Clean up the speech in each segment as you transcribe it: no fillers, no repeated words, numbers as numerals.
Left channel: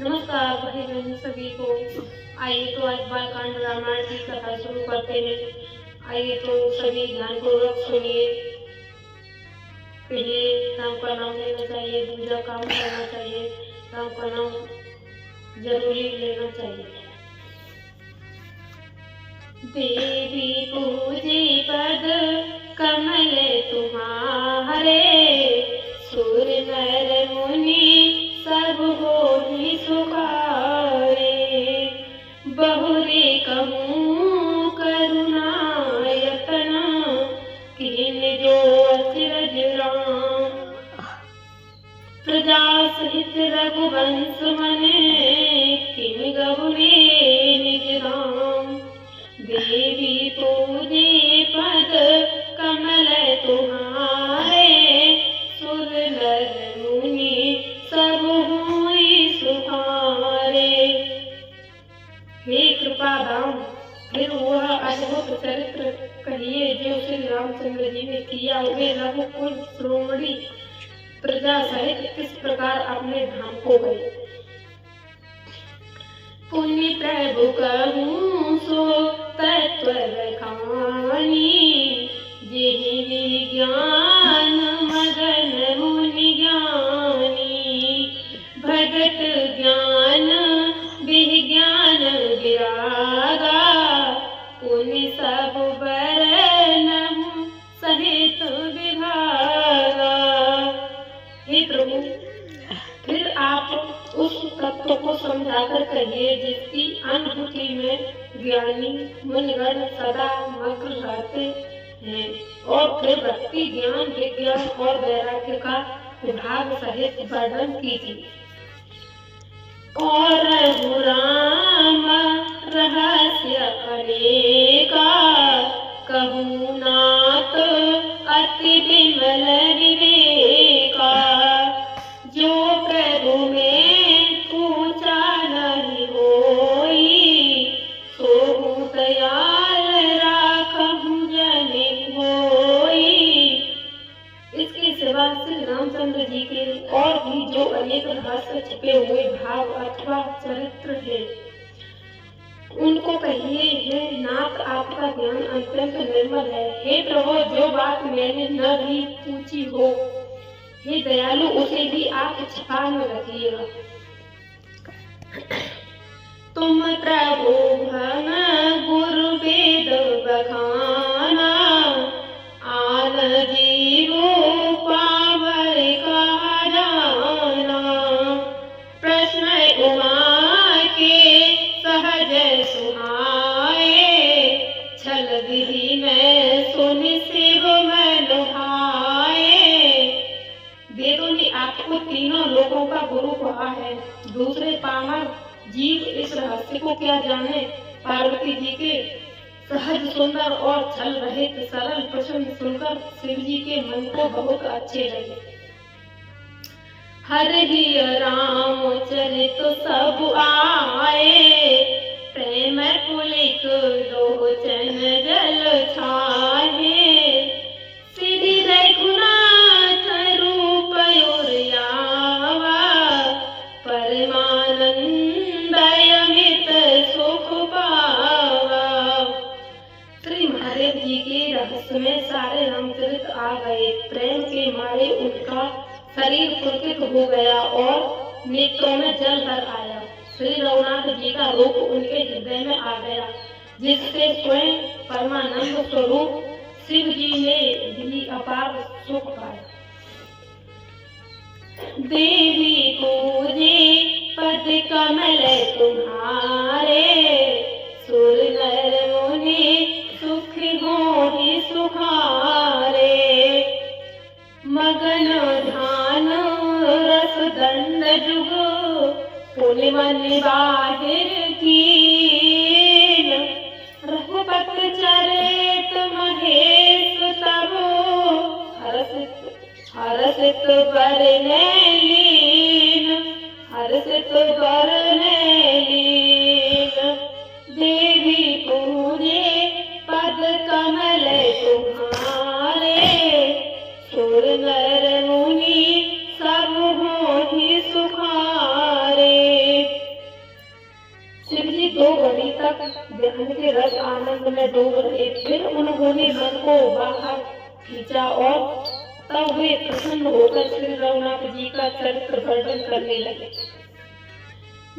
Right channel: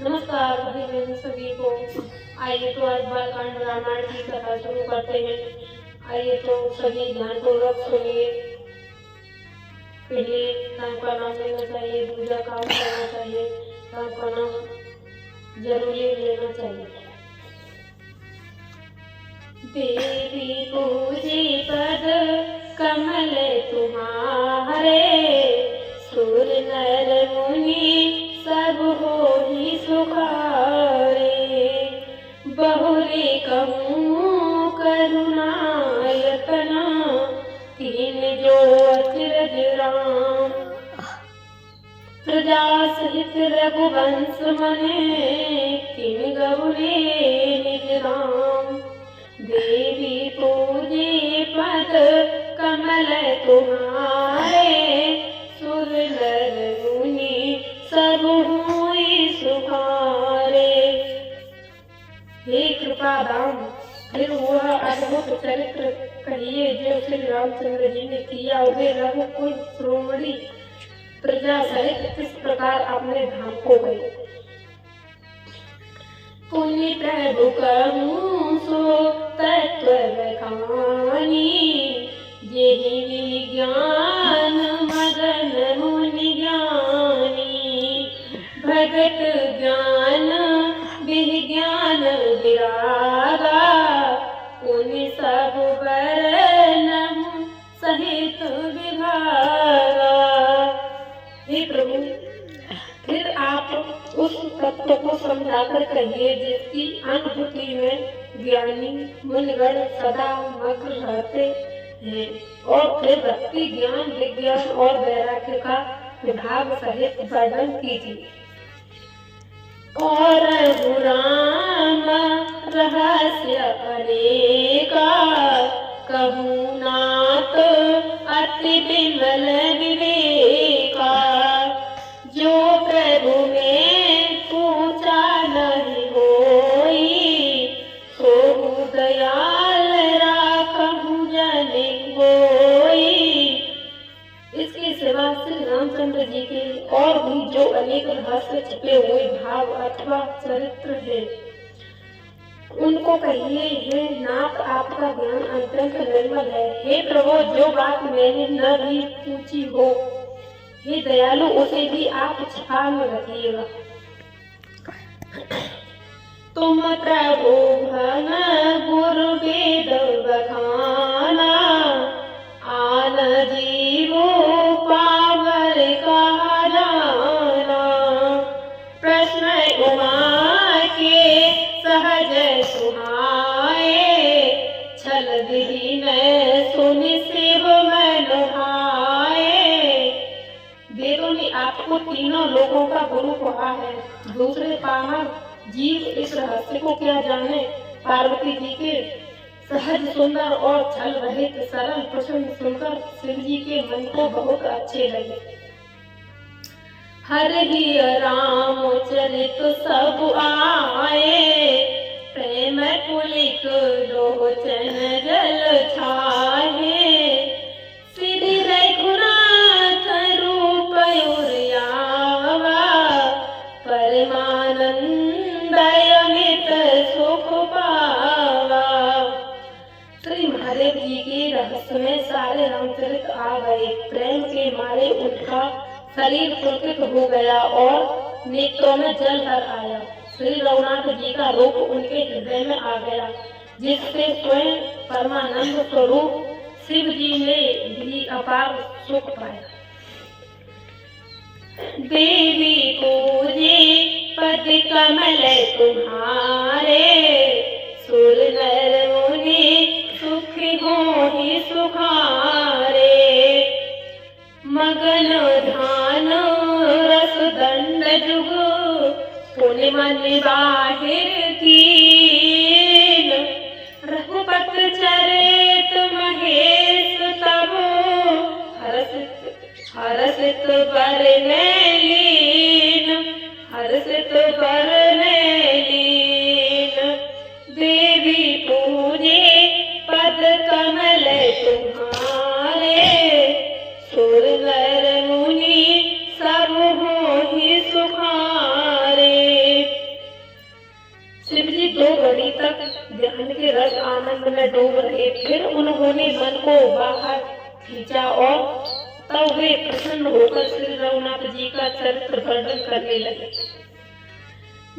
नमस्कार भाई बहन सभी को। आइए तो आज बालकांड रामायण की कथा शुरू करते हैं। आइए तो सभी ध्यानपूर्वक सुनिए। पहले राम का नाम लेना चाहिए, दूसरा काम करना चाहिए, राम का नाम जरूरी लेना चाहिए। देवी पूजे पद कमल तुम्हारे, सुर नर मुनि सब होहि सुखारे। बहुरी कहूँ करुणायतना, कीन जो अचरज राम। प्रजा सहित रघुवंश मने, किन गहुने निज राम। देवी पूजे पद कमल तुम्हारे, सुर नर मुनि सब हुई सुखारे। हे कृपा दाम, फिर वह अद्भुत चरित्र कहिए जो श्री रामचंद्र जी ने किया। वे रघुकुल श्रोमणी प्रजा सहित किस प्रकार अपने धाम को गए। पुण्य प्रभु कहूँ सो तत्व रखानी, जेहि विज्ञान मगन मुनि ज्ञानी। भगत ज्ञान विज्ञान विरागा, पुण्य सब बरनहु सहित विभागा। हे प्रभु, फिर आप उस तत्व को समझाकर कहिए जिसकी अनुभूति में ज्ञानी मुनिगण सदा मग्न रहते हैं, और फिर भक्ति ज्ञान विज्ञान और वैराग्य का विभाग सहित वर्णन कीजिए। और राम रहस्य अनेका, कहूँ नाथ अति विमल विवेका। जो प्रभु में पूछा नहीं होई, सोहु दयाल राखहु जन होई। इसके सिवा श्री रामचंद्र जी के और भी जो अनेक रहस्य छिपे हुए भाव अथवा चरित्र है, उनको कहिए। हे नाथ, आपका ज्ञान अत्यंत निर्मल है। हे प्रभु, जो बात मैंने न भी पूछी हो, हे दयालु, उसे भी आप छिपा में रखिएगा। तुम प्रभु भन गुरु वेद बखाना, आन जीवो पावर कहा जाना। प्रश्न उमा के सहज सुहाए, छल विधि में सुनि शिव मन भाए। वेदों ने आपको तीनों लोगों का गुरु कहा है, दूसरे पामर जीव इस रहस्य को क्या जाने। पार्वती जी के सहज सुंदर और छल रहित सरल प्रश्न सुनकर शिव जी के मन को बहुत अच्छे लगे। हरि राम चरित सब आए, प्रेम पुलिक लोचन जल छाए। श्री रघुनाथ रूप उर्यावा, परमानंद अमित सुख पावा। श्री महादेव जी के रहस्य में सारे रामचरित आ गए। प्रेम के मारे उनका शरीर पुलकित हो गया और नेत्रों में जल भर आया। श्री रघुनाथ जी का रूप उनके हृदय में आ गया, जिससे स्वयं परमानंद स्वरूप शिव जी ने भी अपार सुख पाया। देवी पूजे पद कमल तुम्हारे, सुर नर मुनि सुख होहि सुखारे। मगन ध्यान रस दंड जुग, पुण्य मन बाहिर कीन। रघुपत चरित महेश तब, हर्षित बरने लीन, हर्षित बरने लीन। देवी पूजे पद कमल तुम्हारे, सुर नर मुनि सब होहि सुखारे। 2 घड़ी तक ध्यान के रस आनंद में डूब रहे। फिर उन्होंने मन को बाहर खींचा और तब वे प्रसन्न होकर श्री रघुनाथ जी का चरित्र वर्णन करने लगे।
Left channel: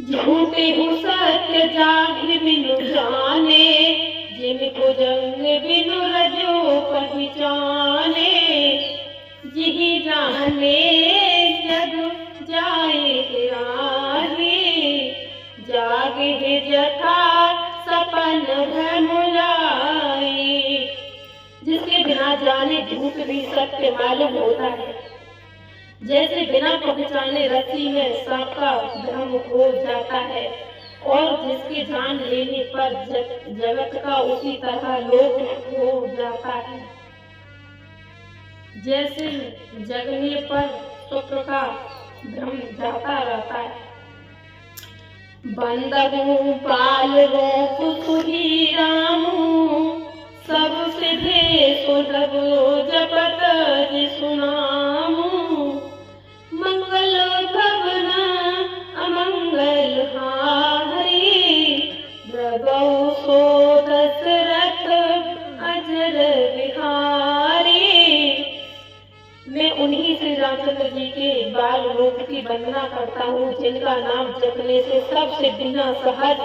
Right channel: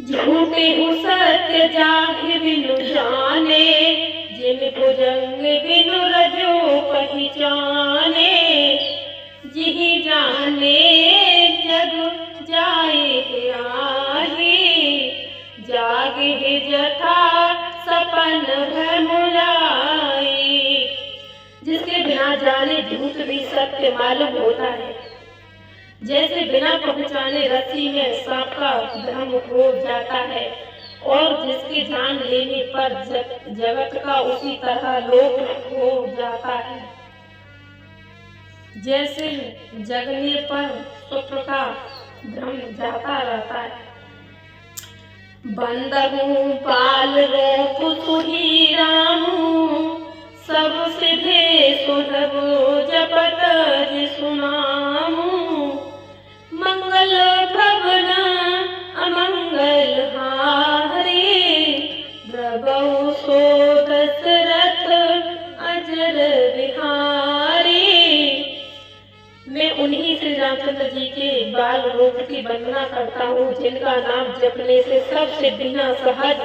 झूठे हो सत्य जाहि बिनु जाने, जिन भुजंग बिनु रजो पहचाने, जिहि जाने जग जाए आही, जागे जथा सपन भ्रम लाई। जिसके बिना जाने झूठ भी सत्य मालूम होता है, जैसे बिना पहचाने रस्सी में सांप का भ्रम हो जाता है, और जिसकी जान लेने पर जगत का उसी तरह लोप हो जाता है। जैसे जगने पर स्वप्न का भ्रम जाता रहता है। बंदगु पाल रूप सुही रामू, सब सिद्धे सुधगो जपत सुनामू, मंगल भवन अमंगल हारी, द्रवहु सो दशरथ अजर बिहारी। मैं उन्हीं श्री रामचंद्र जी के बाल रूप की वंदना करता हूँ, जिनका नाम जपने से सब सिद्धियां सहज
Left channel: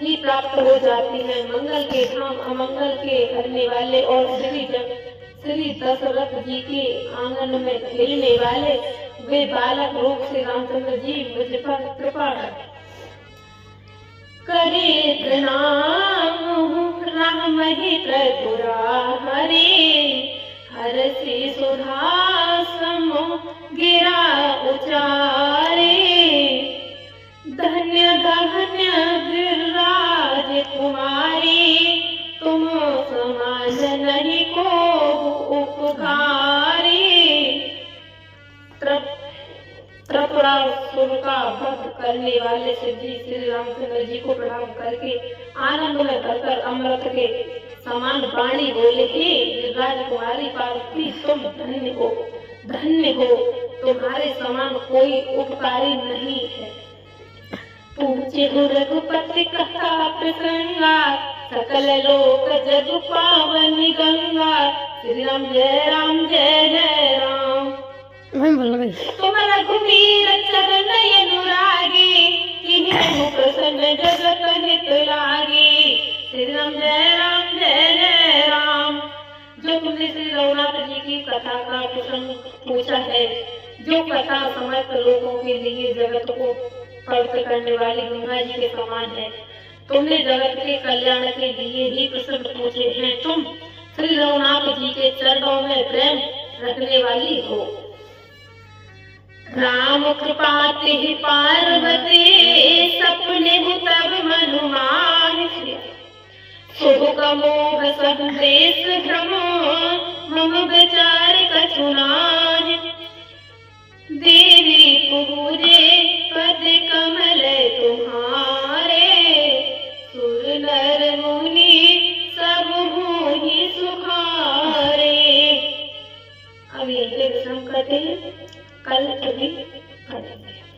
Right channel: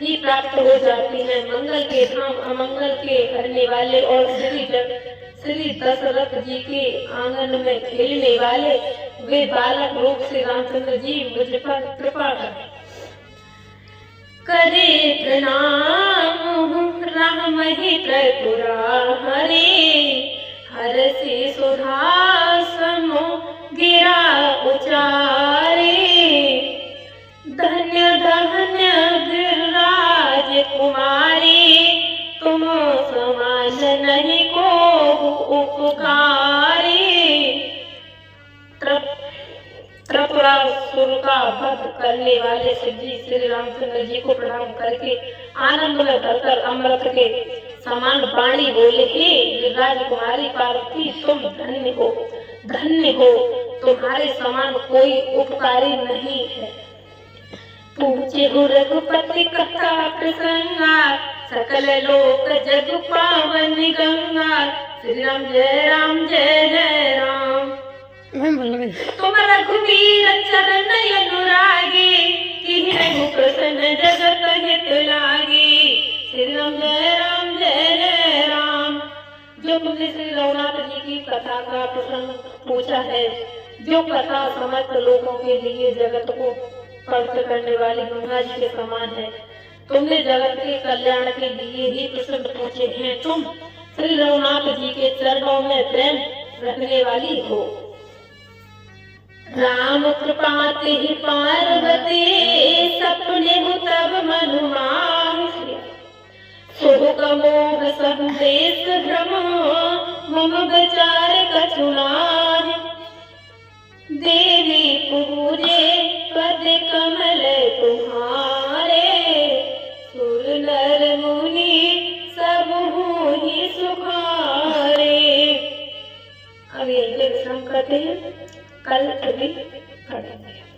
ही प्राप्त हो जाती हैं। मंगल के धाम अमंगल के हरने वाले और श्री दशरथ जी के आंगन में खेलने वाले वे बालक रूप से रामचंद्र जी मुझ पर कृपा करे प्रणाम। राम ही त्रिपुरा हरे, हर से सुधासम गिरा उचारे, धन्य धन्य गिरिराज कुमारी, तुम समान नहीं को उपकारी। त्रिपुरासुर का वध करने वाले सिद्धि श्री रामचंद्र जी को प्रणाम करके आनंद में भरकर अमृत के समान वाणी बोले, हे राजकुमारी पार्वती, तुम धन्य हो, तुम्हारे समान कोई उपकारी नहीं है। पूछे रघुपति कथा प्रसंगा, सकल लोक जग पावन गंगा। श्री राम जय राम जय जय राम। तुम रघुवीर चरण अनुरागी, तिन्हि प्रसन्न जगत हित लागी। श्री राम जय राम जय जय राम। जो तुमने श्री रघुनाथ जी की कथा का प्रसंग पूछा है, जो कथा समस्त लोगों के लिए जगत को पवित्र करने वाली गंगा जी के समान है, तुमने जगत के कल्याण के लिए ही प्रसंग पूछे हैं। तुम श्री रघुनाथ जी के चरणों में प्रेम रखने वाली हो। राम कृपा ते पार्वती, सपने तब मनु माहि, सुख मोह संदेश भ्रम, मम विचार कछु नाहि। देवी